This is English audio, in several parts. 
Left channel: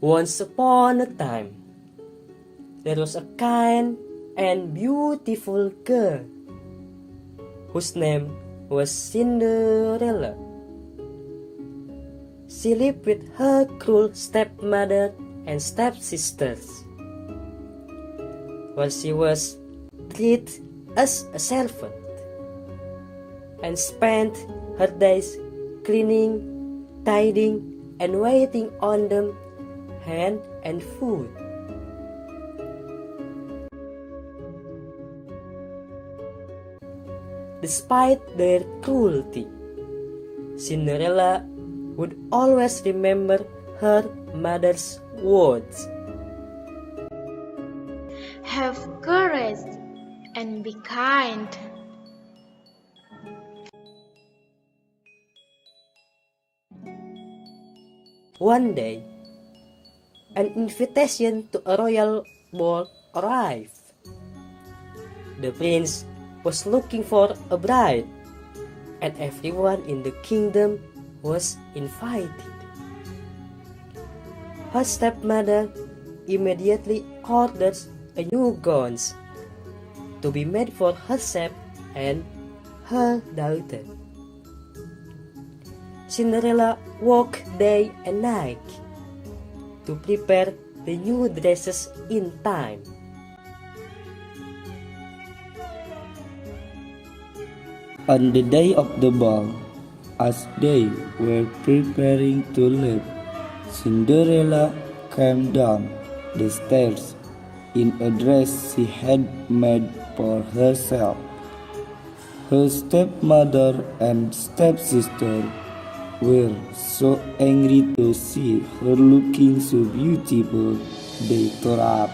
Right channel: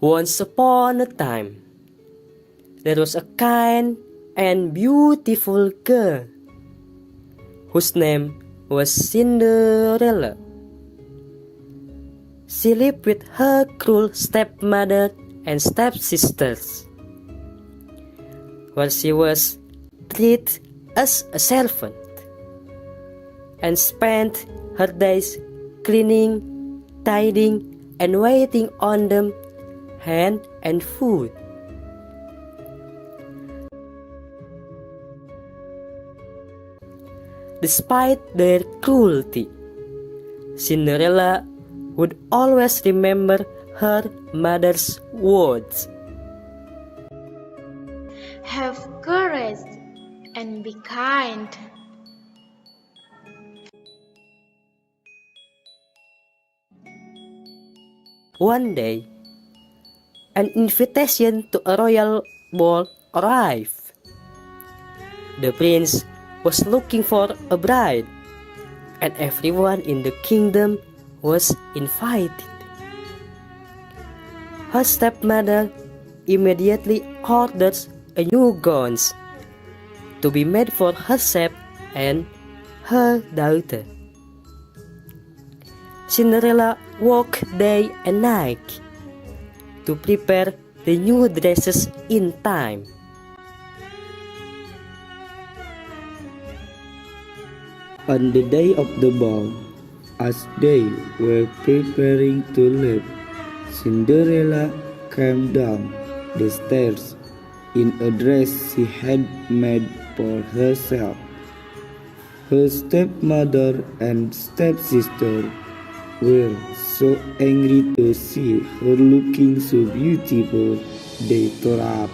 Once upon a time, there was a kind and beautiful girl whose name was Cinderella. She lived with her cruel stepmother and stepsisters, where she was treated as a servant and spent her days cleaning, tidying, and waiting on them hand and foot. Despite their cruelty, Cinderella would always remember her mother's words. Have courage and be kind. One day, an invitation to a royal ball arrived. The prince was looking for a bride, and everyone in the kingdom was invited. Her stepmother immediately orders a new gowns to be made for herself and her daughter. Cinderella worked day and night to prepare the new dresses in time. On the day of the ball, as they were preparing to leave, Cinderella came down the stairs in a dress she had made for herself. Her stepmother and stepsister were so angry to see her looking so beautiful, they tore up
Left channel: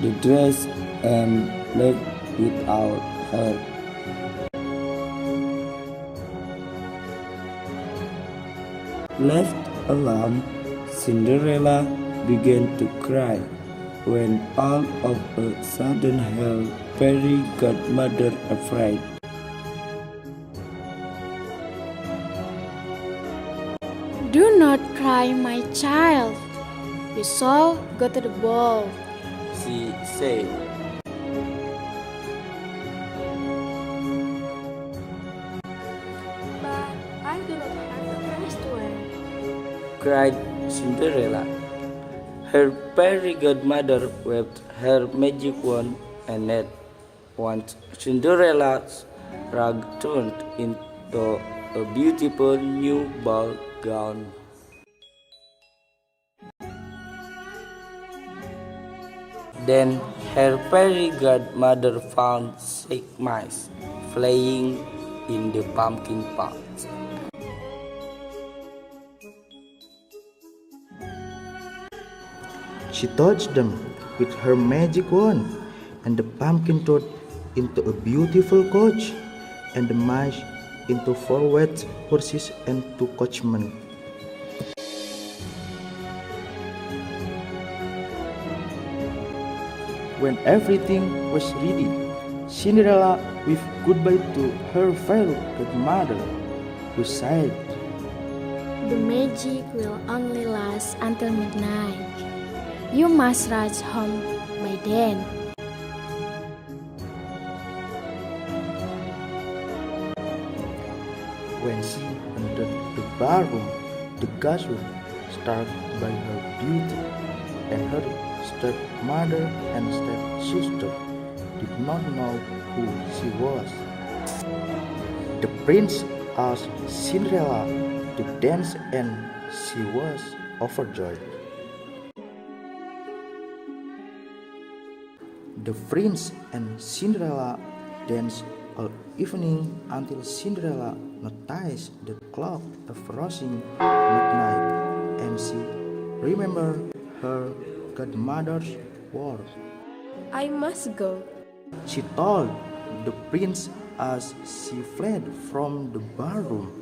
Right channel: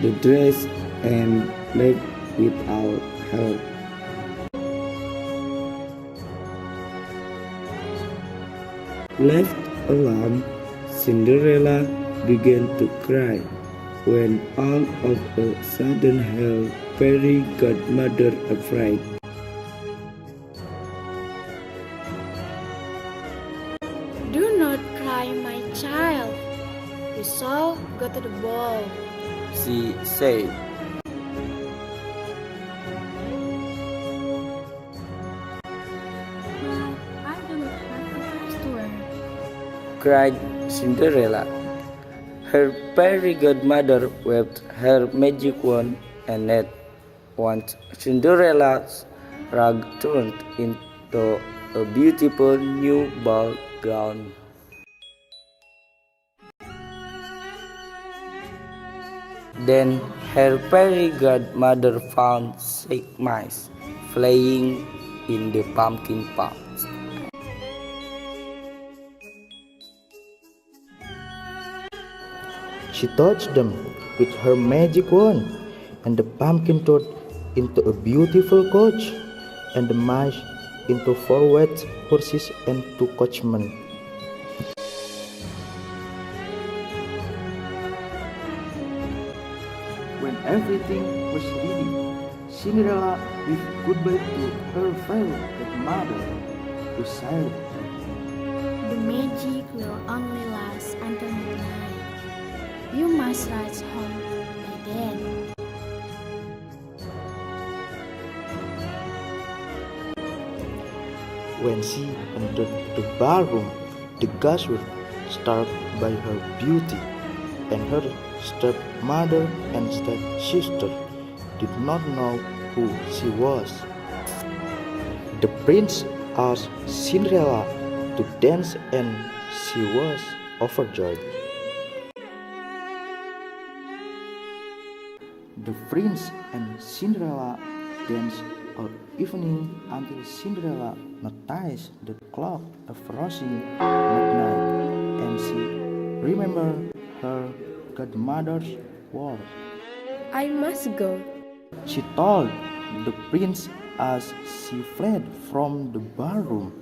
the dress and left without her. Left alone, Cinderella began to cry when all of a sudden her fairy godmother afraid. Do not cry, my child. We shall go to the ball. She said. I do not have a dress to wear, Cried Cinderella. Her fairy godmother waved her magic wand, and at once Cinderella's rug turned into a beautiful new ball gown. Then her fairy godmother found sick mice flying in the pumpkin patch. She touched them with her magic wand, and the pumpkin turned into a beautiful coach, and the mice into 4 white horses and 2 coachmen. When everything was ready, Cinderella waved goodbye to her fairy godmother, who said, The magic will only last until midnight. You must rush home by then. When she entered the ballroom, the guests were struck by her beauty, and her stepmother and stepsister did not know who she was. The prince asked Cinderella to dance, and she was overjoyed. The prince and Cinderella danced all evening until Cinderella noticed the clock approaching midnight, and she remembered her godmother's word. I must go. She told the prince as she fled from the ballroom.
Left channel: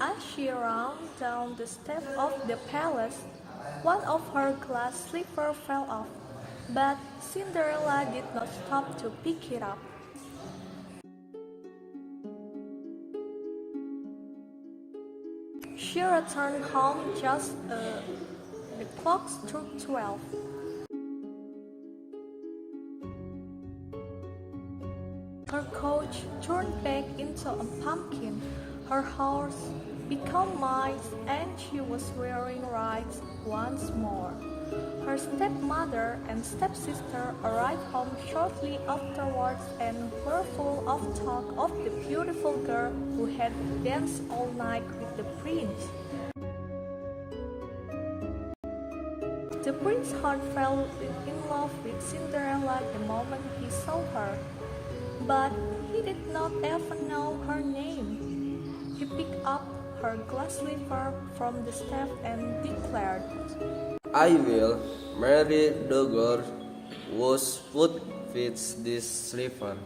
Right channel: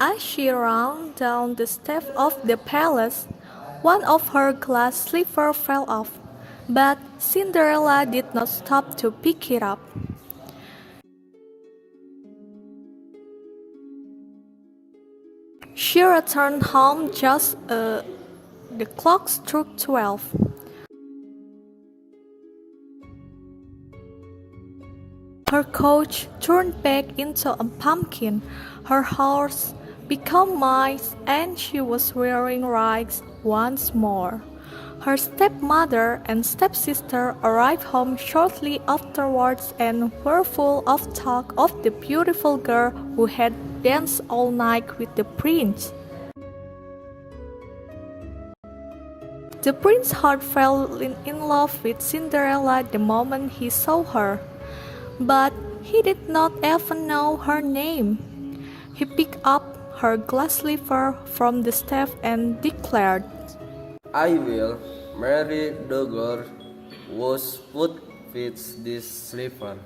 As she ran down the steps of the palace, one of her glass slippers fell off, but Cinderella did not stop to pick it up. She returned home just the clock struck 12. Her coach turned back into a pumpkin, her horse became mice, and she was wearing rags once more. Her stepmother and stepsister arrived home shortly afterwards and were full of talk of the beautiful girl who had danced all night with the prince. The prince's heart fell in love with Cinderella the moment he saw her, but he did not even know her name. He picked up her glass slipper from the staff and declared, I will marry the girl whose foot fits this slipper.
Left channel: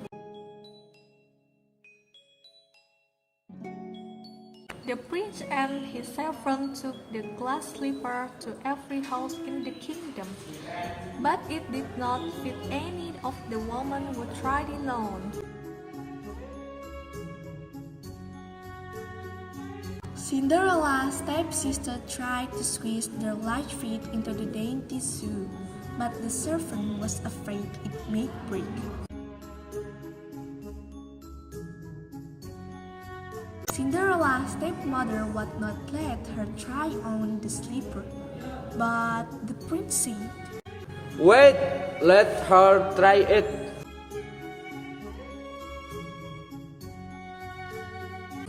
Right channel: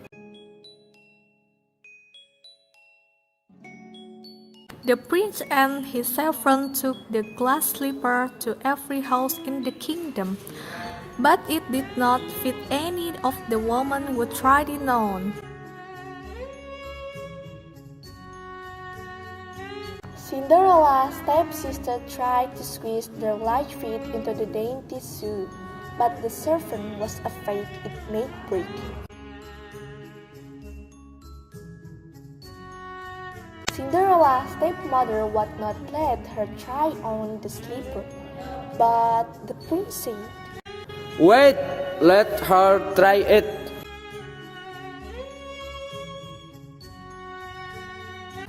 The prince and his servant took the glass slipper to every house in the kingdom, but it did not fit any of the women who tried it on. Cinderella's stepsister tried to squeeze their large feet into the dainty shoe, but the servant was afraid it might break. Cinderella's stepmother would not let her try on the slipper, but the prince said, Wait, let her try it.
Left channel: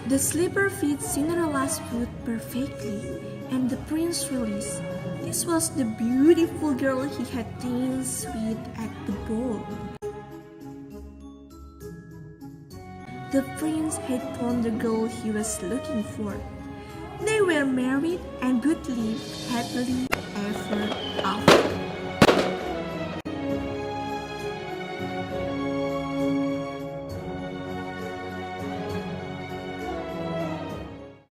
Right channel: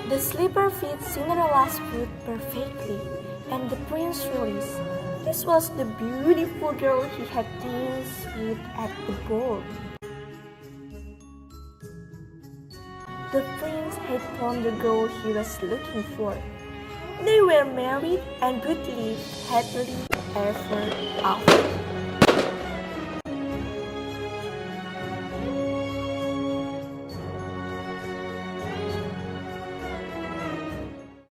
The slipper fit Cinderella's foot perfectly, and the prince realized this was the beautiful girl he had danced with at the ball. The prince had found the girl he was looking for. They were married and would live happily ever after.